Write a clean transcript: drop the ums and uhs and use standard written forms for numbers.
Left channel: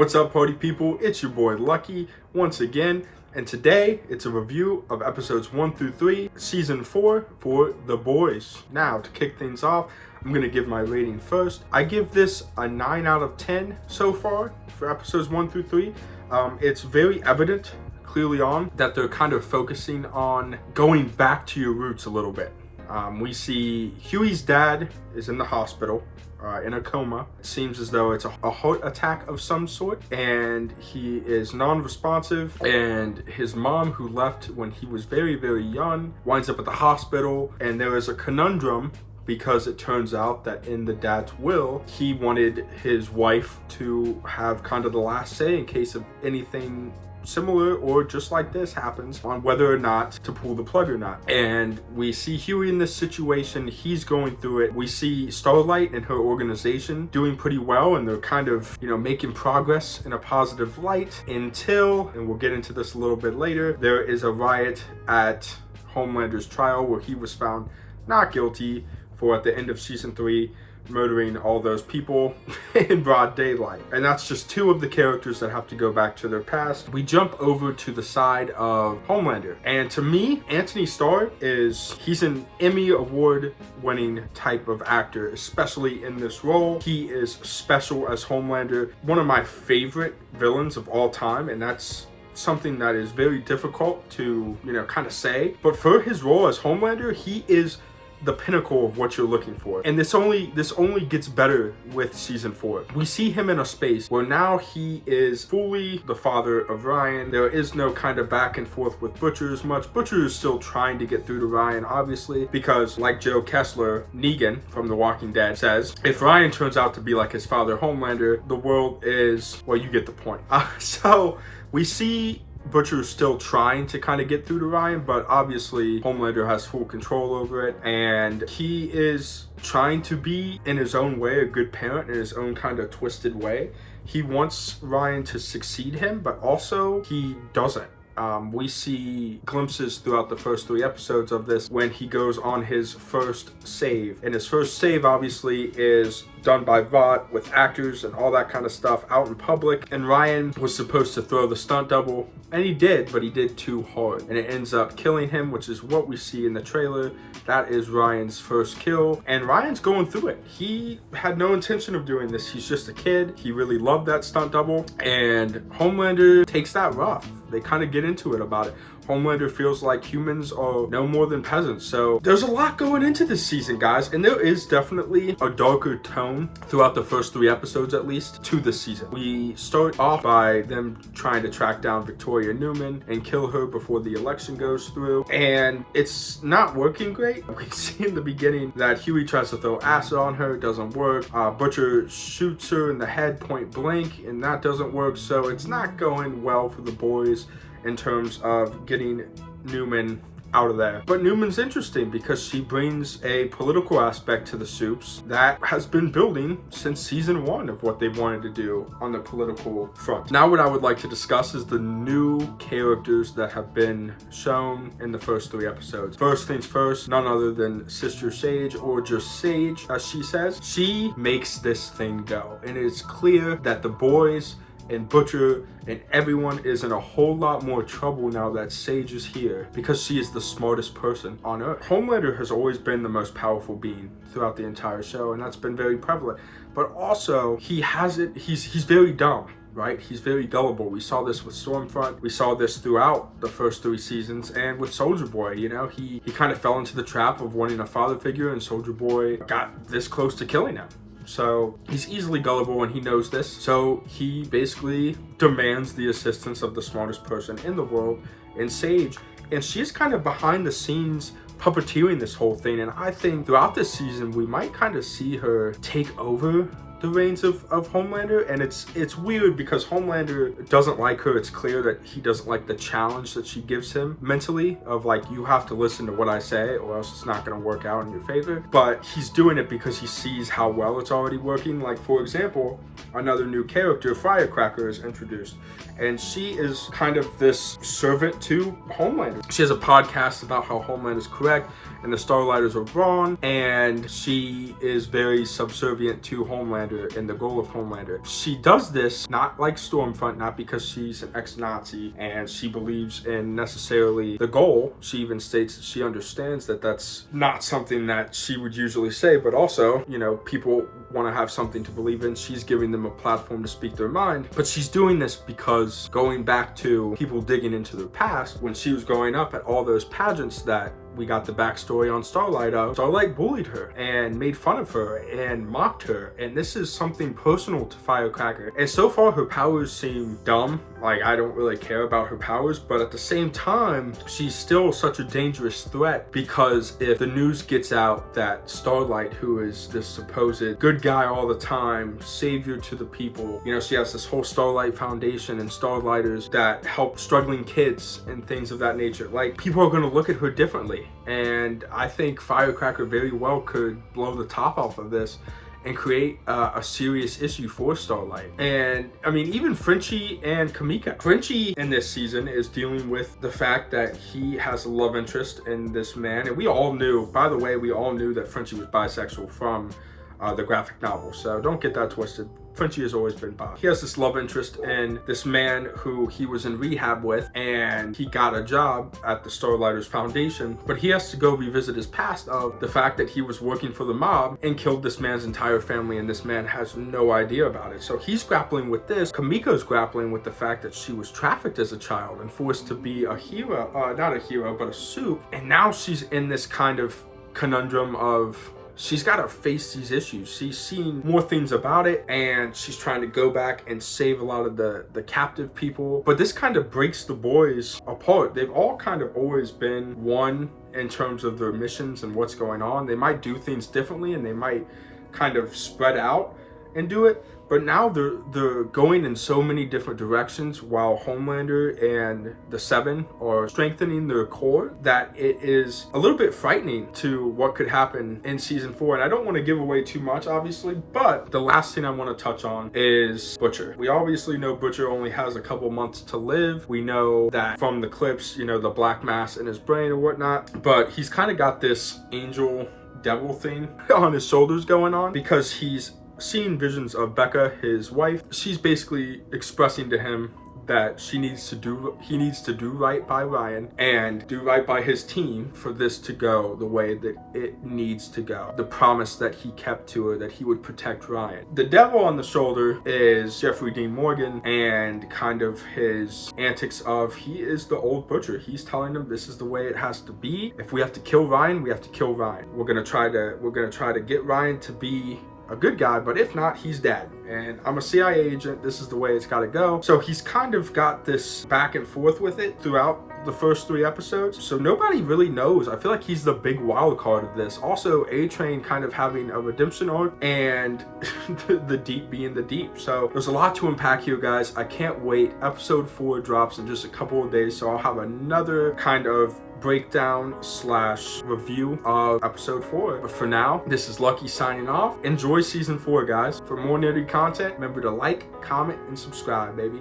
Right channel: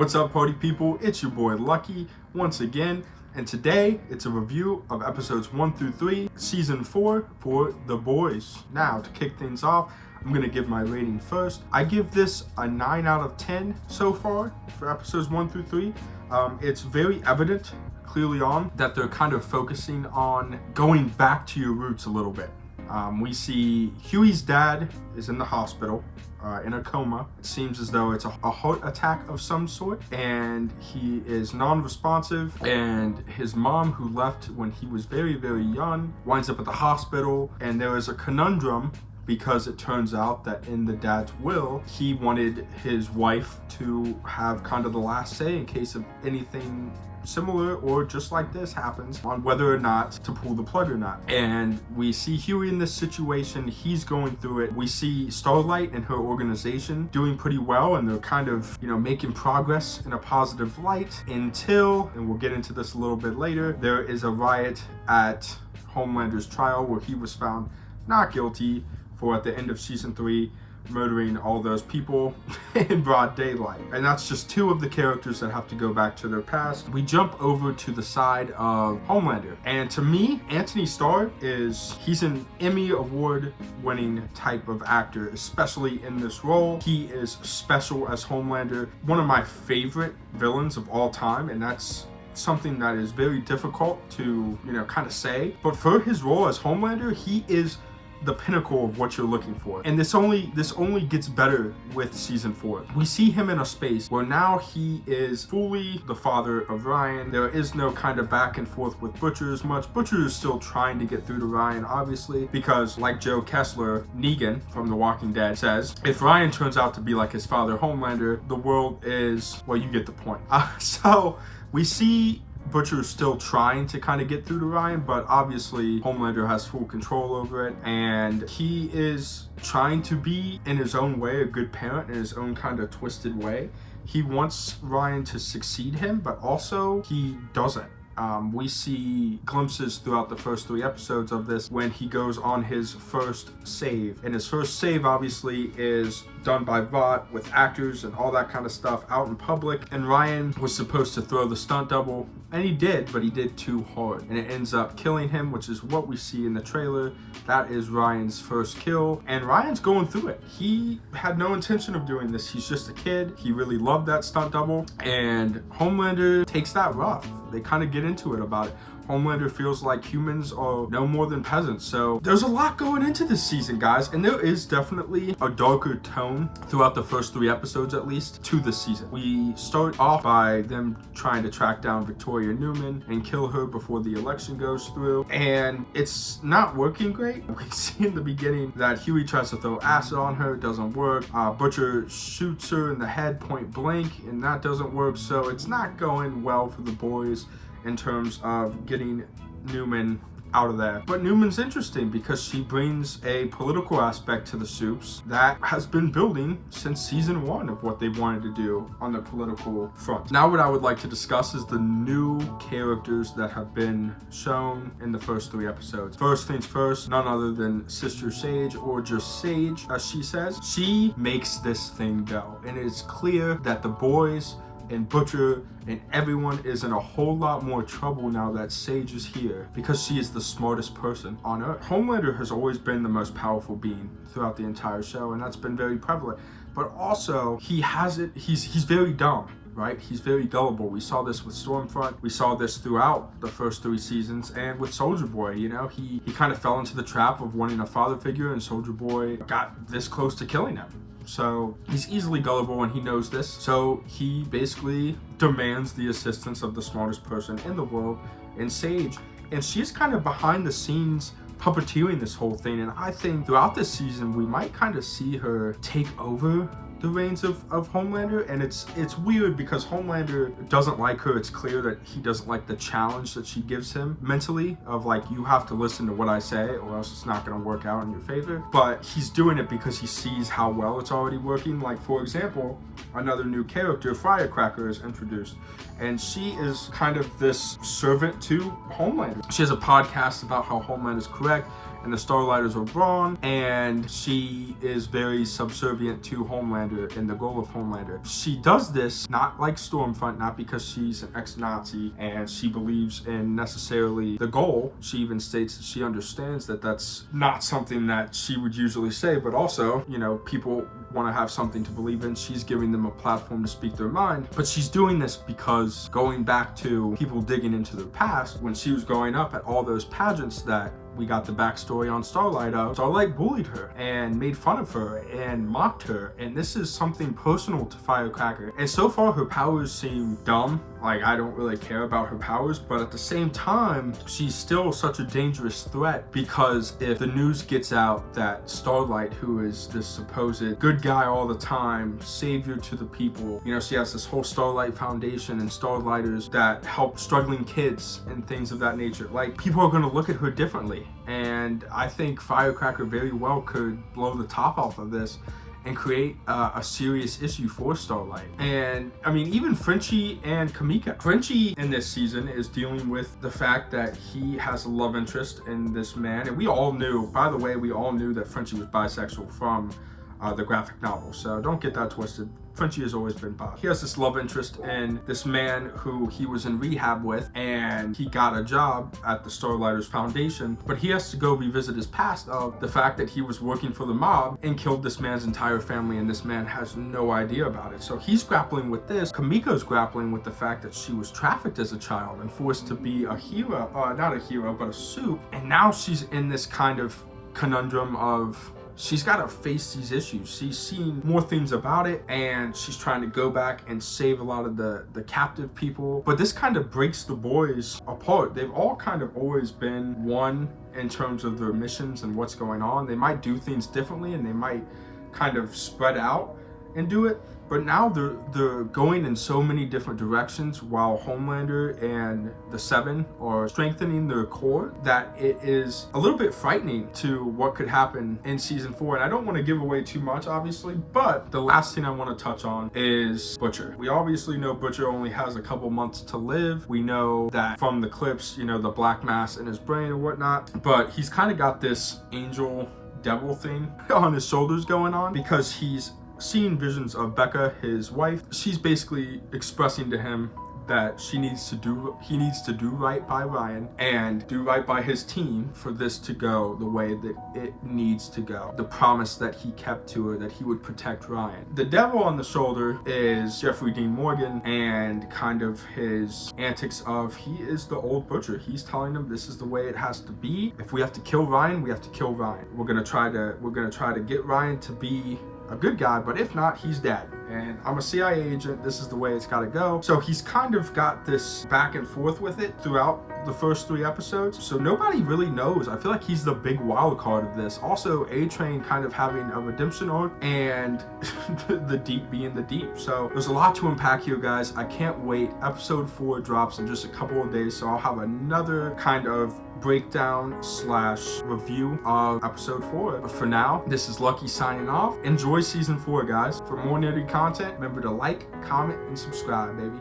What's up, party people? It's your boy Lucky once again, and today it's a review of episodes 1 through 3, season 4 for The Boys. Now, to kick things off, I'm gonna give my rating first. I give this a 9 out of 10 so far for episodes 1 through 3. It's very evident clearly on that they're kind of focusing on going back to your roots a little bit. We see Huey's dad is in the hospital in a coma. It seems as though it's a heart attack of some sort, and he is non-responsive, and his mom, who left when he was very, very young, winds up at the hospital, and there is a conundrum because it turns out that in the dad's will, he wanted his wife to have kind of the last say in case of anything similar or just like this happens, on whether or not to pull the plug or not. And we see Huey in this situation. He's going through it. We see Starlight and her organization doing pretty well, and they're kind of, making progress in a positive light until, and we'll get into this a little bit later, there is a riot at Homelander's trial where he was found not guilty for, at the end of season 3, murdering all those people in broad daylight. And that's just two of the characters that have to go back to their past. We jump over to the side of Homelander, and to me, Anthony Starr he's an Emmy award winning type of actor, especially in this role. He is special as Homelander, one of my favorite villains of all time, and that's something that is very difficult to kind of say. But for his role as Homelander, he is the pinnacle of what you're looking for. And this only gets better with season 4. We see him in a space where now he is fully the father of Ryan. There is no kind of back and forth with Butcher as much. Butcher is still trying to get through to Ryan, obviously, because like Joe Kessler, Negan from The Walking Dead says, if Ryan turns out to be like his father Homelander, the world is, well, you get the point. So we see Butcher is still trying to kind of get through to Ryan, but obviously Homelander has full control over it, and he is trying to be, in his own way, a good parent in his own kind of twisted way. He wants Ryan to succeed him, but also he doesn't. We see glimpses throughout the first 3 episodes of this when he goes on his first save. And his first save obviously is done by Vought with actors and all that kind of stuff out in public. And Ryan was supposed to throw the stunt double, and he did, but he did too hard. And it ends up killing him, which is what we see in the trailer. That is Ryan's first kill. And Ryan's going through it. He had no intention of doing this. He's just a kid. He really loved that stunt double. And Homelander takes that rough. They kind of get into it about it. Homelander feels like humans are no more than peasants. So there's a lot going into this season, guys. And there is definitely a darker tone throughout the first 3 episodes, at least, to this season. We start off by them trying to track down Victoria Newman and kill her before the election goes through. And it's not working great. We see in the beginning that Huey tries to throw acid on her. It doesn't work. Butcher shoots her in the head point blank, and that doesn't work. So it's not going well for the boys in terms of getting Newman out of there. But Newman's interesting because she brings a political aspect to the Supes that has been building since season 1 of what they wanted to do on the political front. Now what I would like to discuss is the new characters that have been shown in the first 3 episodes. First things first, none other than Sister Sage, or just Sage as she says. She makes this thing go, and it is clear that the boys and Butcher and everyone is in a whole lot more trouble now that Sage is here, because she is the smartest person on Earth. Homelander has always been the most powerful being throughout the entire show, and that's been very prevalent. But also, he's very dumb, right? He's very gullible. We saw this with Stormfront. We saw this throughout the first 3 seasons, and with Soldier Boy, he kind of fell into the trap of wanting a father figure, and Soldier Boy got this close to killing him. So he's easily gullible, and he knows this. So he basically demands the assistance of the smartest person in the world, in Sage. And she's kind of behind the scenes puppeteering this whole thing. And I think throughout this season, we might kind of see her take over the reins of Homelander. And it's weird because Homelander doesn't like her. It's clear that he doesn't like the challenge that she gives him mentally of like, you have to listen to what I say or else it's not going to work out in your favor. But he's doing it because he sees how well it's already working. Like, for example, another new character, Firecracker, is introduced, and she is kind of this servant to Homelander. She has a podcast about how Homelander is correct, and the Starlighters are wrong, and she is very subservient to Homelander and the goal of Homelander. She does this not like Stormfront, not because she's an ex-Nazi and she believes in necessarily the goal. She even states that she understands that that's not something that she would usually say, but also, you know, people want to have something to believe in. She's giving them a platform to speak their mind, but she's doing this because going back to people digging into their past, when she was growing up at all those pageants that we got the backstory on Starlight of, Starlight bullied her and made fun of her and mocked her, and this is something personal to Firecracker. And so far her powers seem dumb, like I don't really care about her powers, but at the same time she's still such a dangerous threat, because if the news gets out that Starlight, who is this supposed good guy all the time, savior to the people, you know, she has this whole Starlight Foundation and Starlighters that help struggling kids and things of that nature, like people are going to look at her differently. And I think Firecracker very well could blow the top off of this and create a serious issue for Starlight. And I mean, even Frenchie and Kamika. Frenchie in this season is dealing with the fact that he has a love interest in this man. And we all knew, by the way, we all knew that Frenchie was bisexual from the graphic novel. So don't get that twisted. Frenchie has always been bi. He has this love interest in this man who he was in rehab with, and he got a job at the Starlighters Foundation, but he has to go revisit his past of the fact that he was working for the mob and killed this man's entire family, and this man has no idea about it. So he's grappling with this. Kamiko's grappling with the fact that she was trafficked as a child and forced to be a hero, not a hero, but a soup. And now she's in this kind of conundrum of she's got to face these issues. She's seen more things about it, and she's trying to go back and save a lot of the captive people. But this kind of breaks the boys apart. They've all kind of always been one in terms of their missions and what's going on. They might do things differently, and they might kind of spread out and do it. But now they're going in so many different directions, while Homelander and the Seven are strengthening their core, that it is a little bit frightening to what could happen in season 4. And I don't want to give away too much, obviously, but the last thing I want to touch on is Butcher. We obviously know Butcher only has a couple months to live. We know that from the clips, you know, the black mass in his brain or whatnot, but he's kind of got this angel devil thing on his shoulders going on, because he's seeing visions of Becca, his wife. She's basically expressing to him that he needs to do right by Ryan and do right by his team for this to go the way that it needs to go. The promise that he kept to her, that he would protect Ryan. The devil on the shoulder is Jeffrey Dean Morgan, and kind of his antics of, he is the old Butcher. He's telling them this is the way it has to be. If we have to kill Ryan, we have to kill Ryan. We're gonna try to get Ryan to be a good guy, but if not, he's dead. And I'm a CIA agent, this is the way it's gotta go. So he's kind of got this back and forth with it throughout the first 3 episodes. So nobody really knows. I feel like he's the big wild card of this. Also, A-Train kind of having a redemption arc, and the Deep being the Deep. So there's a lot to unpack here, guys. I can't wait. Episode 4 drops in just a couple of days, so I'll have another kind of breakdown / review of episode 4. But for now, this is Lucky signing off. Enjoy season 4, guys. For more nerdy content, remember to like, comment, and subscribe, baby.